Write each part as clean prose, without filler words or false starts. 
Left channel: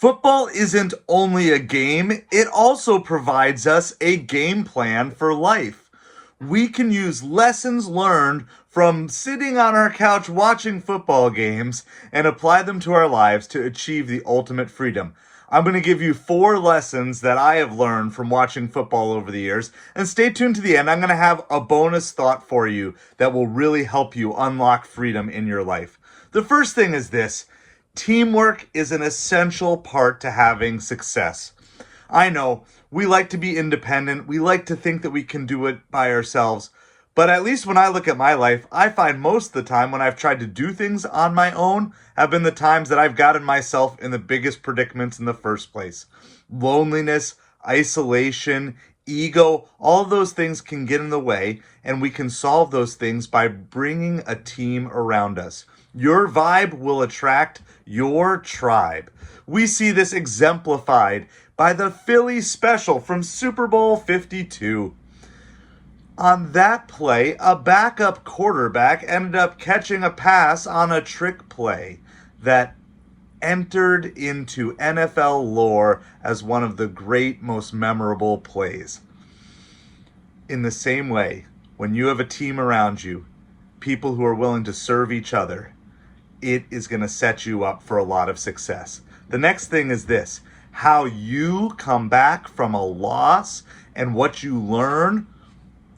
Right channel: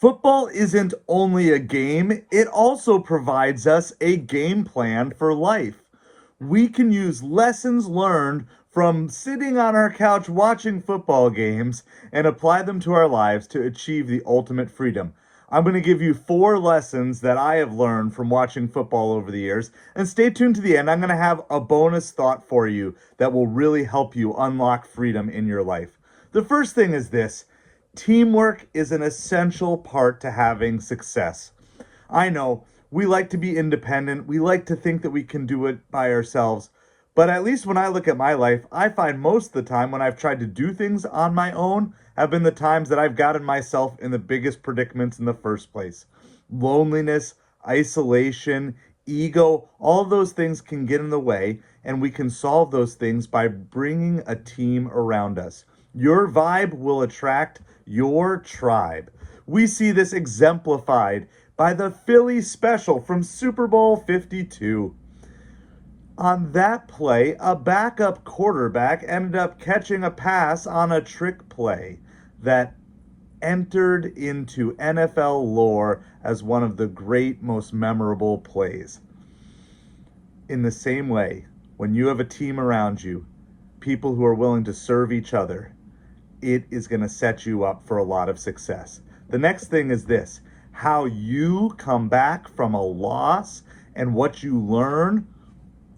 Football isn't only a game, it also provides us a game plan for life. We can use lessons learned from sitting on our couch watching football games and apply them to our lives to achieve the ultimate freedom. I'm going to give you 4 lessons that I have learned from watching football over the years. And stay tuned to the end. I'm going to have a bonus thought for you that will really help you unlock freedom in your life. The first thing is this: teamwork is an essential part to having success. I know we like to be independent. We like to think that we can do it by ourselves. But at least when I look at my life, I find most of the time when I've tried to do things on my own have been the times that I've gotten myself in the biggest predicaments in the first place. Loneliness, isolation, ego, all of those things can get in the way, and we can solve those things by bringing a team around us. Your vibe will attract your tribe. We see this exemplified by the Philly special from Super Bowl 52. On that play, a backup quarterback ended up catching a pass on a trick play that entered into NFL lore as one of the great, most memorable plays. In the same way, when you have a team around you, people who are willing to serve each other, it is going to set you up for a lot of success. The next thing is this: how you come back from a loss and what you learn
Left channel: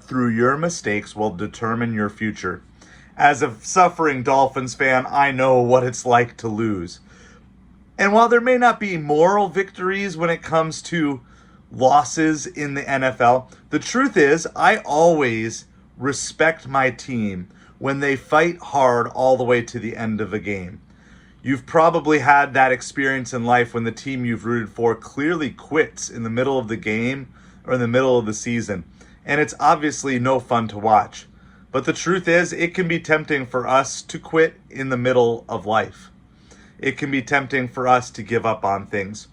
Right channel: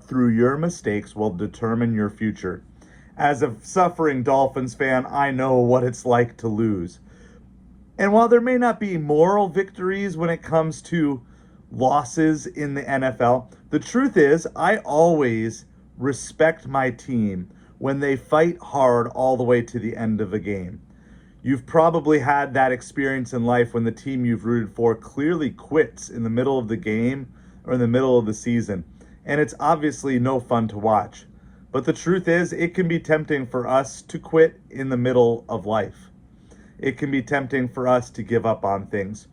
through your mistakes will determine your future. As a suffering Dolphins fan, I know what it's like to lose. And while there may not be moral victories when it comes to losses in the NFL, the truth is I always respect my team when they fight hard all the way to the end of a game. You've probably had that experience in life when the team you've rooted for clearly quits in the middle of the game or in the middle of the season. And it's obviously no fun to watch. But the truth is, it can be tempting for us to quit in the middle of life. It can be tempting for us to give up on things.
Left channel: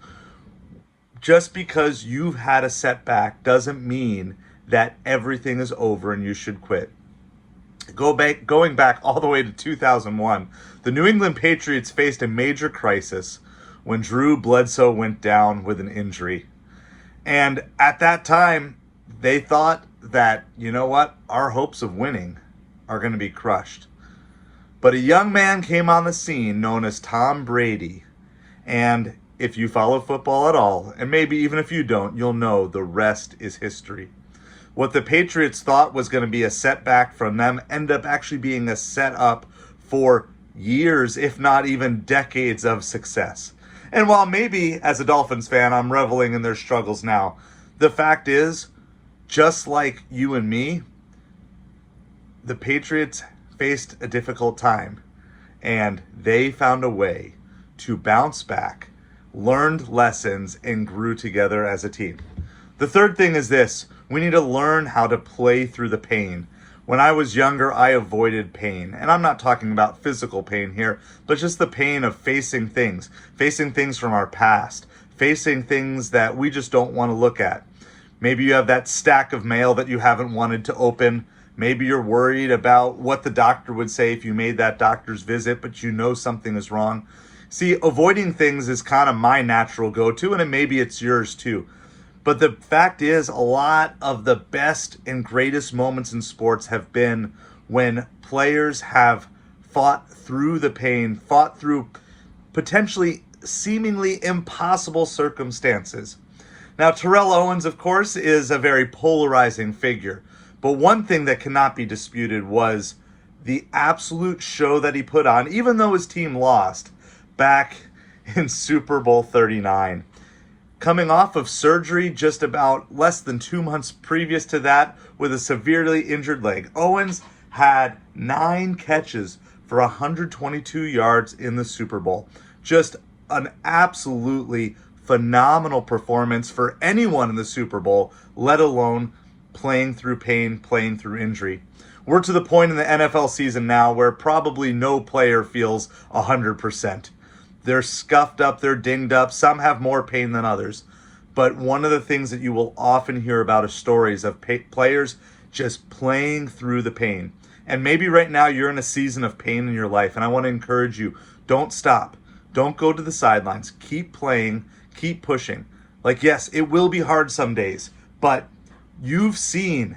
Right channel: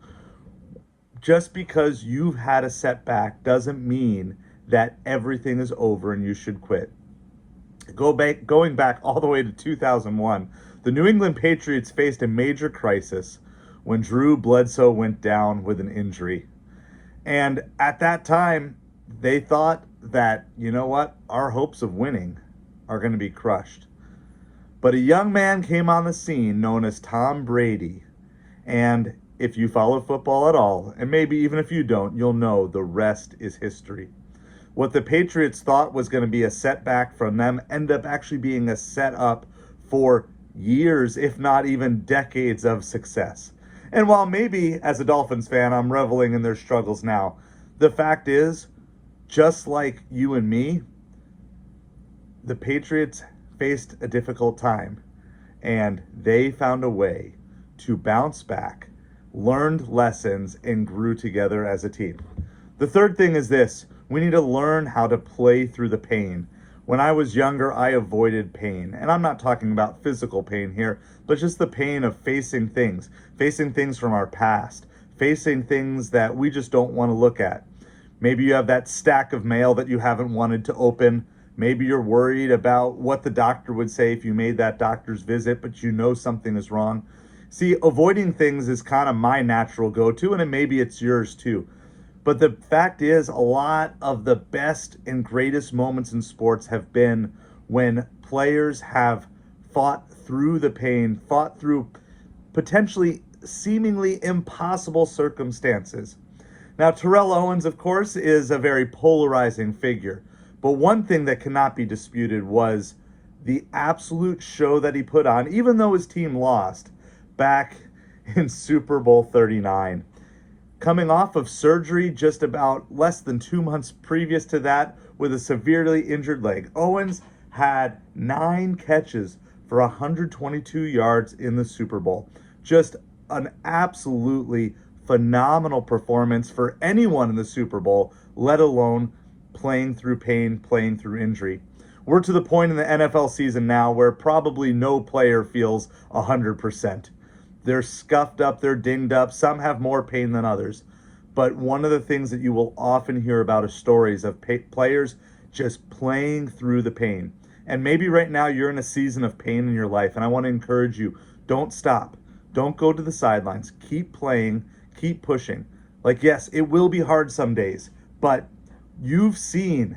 Just because you've had a setback doesn't mean that everything is over and you should quit. Going back all the way to 2001, the New England Patriots faced a major crisis when Drew Bledsoe went down with an injury. And at that time, they thought that, you know what, our hopes of winning are going to be crushed. But a young man came on the scene known as Tom Brady. And if you follow football at all, and maybe even if you don't, you'll know the rest is history. What the Patriots thought was going to be a setback from them ended up actually being a setup for years, if not even decades of success. And while maybe as a Dolphins fan I'm reveling in their struggles now, the fact is, just like you and me, the Patriots faced a difficult time, and they found a way to bounce back, learned lessons, and grew together as a team. The third thing is this: we need to learn how to play through the pain. When I was younger, I avoided pain. And I'm not talking about physical pain here, but just the pain of facing things from our past, facing things that we just don't want to look at. Maybe you have that stack of mail that you haven't wanted to open. Maybe you're worried about what the doctor would say if you made that doctor's visit, but you know something is wrong. See, avoiding things is kind of my natural go-to, and maybe it's yours too. But the fact is, a lot of the best and greatest moments in sports have been when players have fought through the pain, fought through potentially seemingly impossible circumstances. Now, Terrell Owens, of course, is a very polarizing figure. But one thing that cannot be disputed was the absolute show that he put on, even though his team lost back in Super Bowl 39. Coming off of surgery just about less than 2 months previous to that with a severely injured leg, Owens had 9 catches for 122 yards in the Super Bowl. Just an absolutely phenomenal performance for anyone in the Super Bowl, let alone playing through pain, playing through injury. We're to the point in the NFL season now where probably no player feels 100%. They're scuffed up, they're dinged up, some have more pain than others. But one of the things that you will often hear about is stories of players just playing through the pain. And maybe right now you're in a season of pain in your life, and I want to encourage you, don't stop. Don't go to the sidelines. Keep playing, keep pushing. Like, yes, it will be hard some days, but you've seen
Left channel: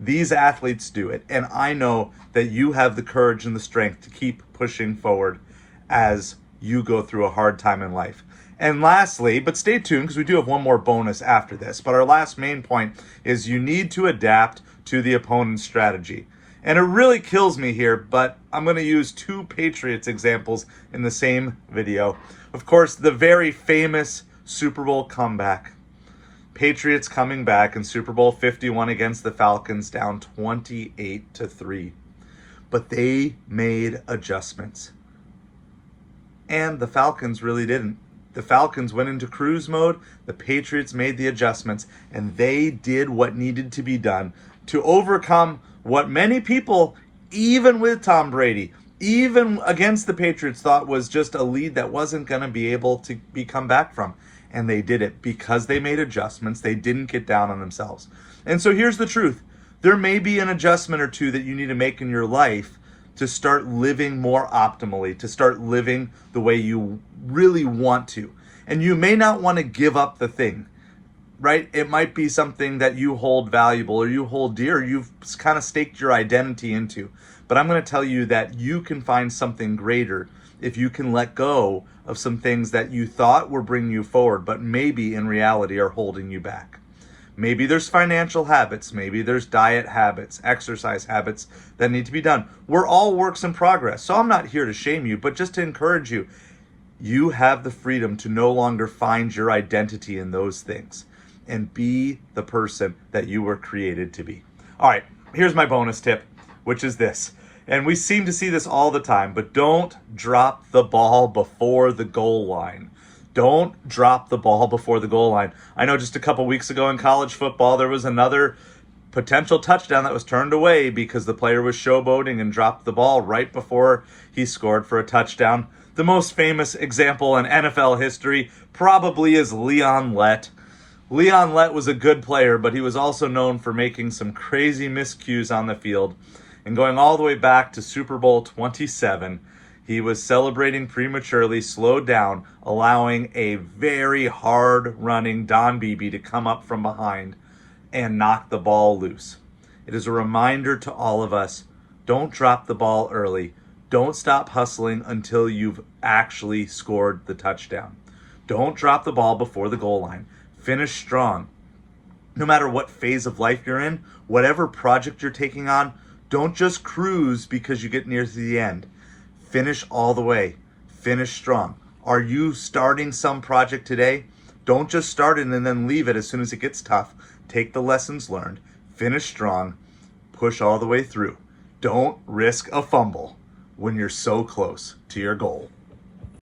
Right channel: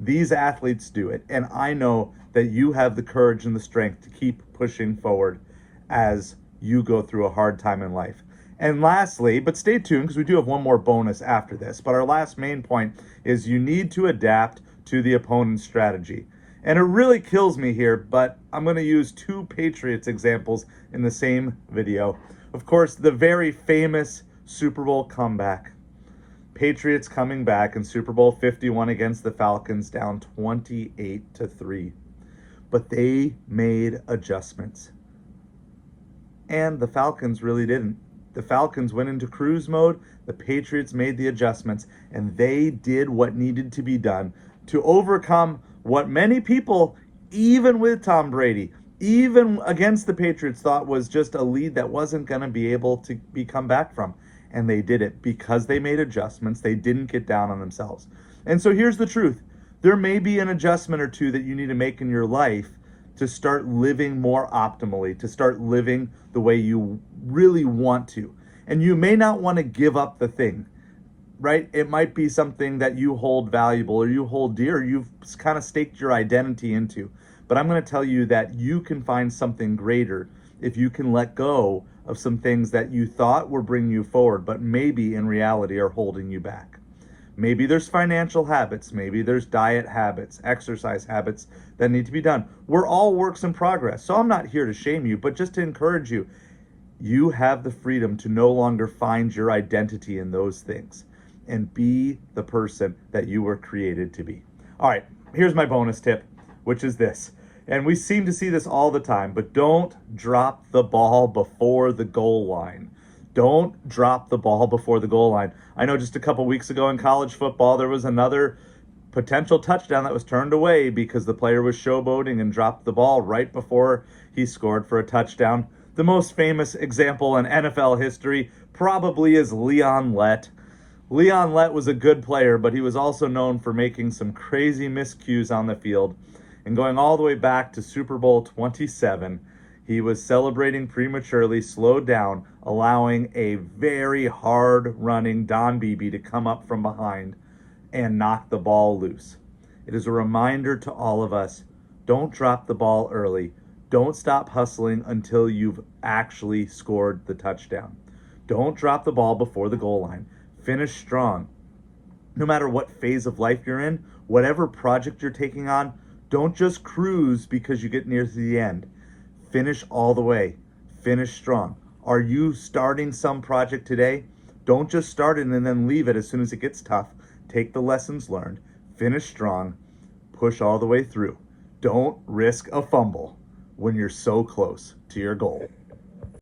these athletes do it, and I know that you have the courage and the strength to keep pushing forward as you go through a hard time in life. And lastly, but stay tuned because we do have one more bonus after this, but our last main point is you need to adapt to the opponent's strategy. And it really kills me here, but I'm going to use two Patriots examples in the same video. Of course, the very famous Super Bowl comeback. Patriots coming back in Super Bowl 51 against the Falcons, down 28-3. But they made adjustments. And the Falcons really didn't. The Falcons went into cruise mode, the Patriots made the adjustments, and they did what needed to be done to overcome what many people, even with Tom Brady, even against the Patriots, thought was just a lead that wasn't going to be able to be come back from. And they did it because they made adjustments. They didn't get down on themselves. And so here's the truth. There may be an adjustment or two that you need to make in your life to start living more optimally, to start living the way you really want to. And you may not want to give up the thing, right? It might be something that you hold valuable or you hold dear, or you've kind of staked your identity into. But I'm going to tell you that you can find something greater if you can let go of some things that you thought were bringing you forward, but maybe in reality are holding you back. Maybe there's financial habits, maybe there's diet habits, exercise habits that need to be done. We're all works in progress, so I'm not here to shame you, but just to encourage you. You have the freedom to no longer find your identity in those things and be the person that you were created to be. All right, here's my bonus tip, which is this. And we seem to see this all the time, but don't drop the ball before the goal line. Don't drop the ball before the goal line. I know just a couple weeks ago in college football, there was another potential touchdown that was turned away because the player was showboating and dropped the ball right before he scored for a touchdown. The most famous example in NFL history probably is Leon Lett. Leon Lett was a good player, but he was also known for making some crazy miscues on the field. And going all the way back to Super Bowl 27, he was celebrating prematurely, slowed down, allowing a very hard-running Don Beebe to come up from behind and knock the ball loose. It is a reminder to all of us, don't drop the ball early. Don't stop hustling until you've actually scored the touchdown. Don't drop the ball before the goal line. Finish strong. No matter what phase of life you're in, whatever project you're taking on, don't just cruise because you get near to the end. Finish all the way. Finish strong. Are you starting some project today? Don't just start it and then leave it as soon as it gets tough. Take the lessons learned. Finish strong. Push all the way through. Don't risk a fumble when you're so close to your goal.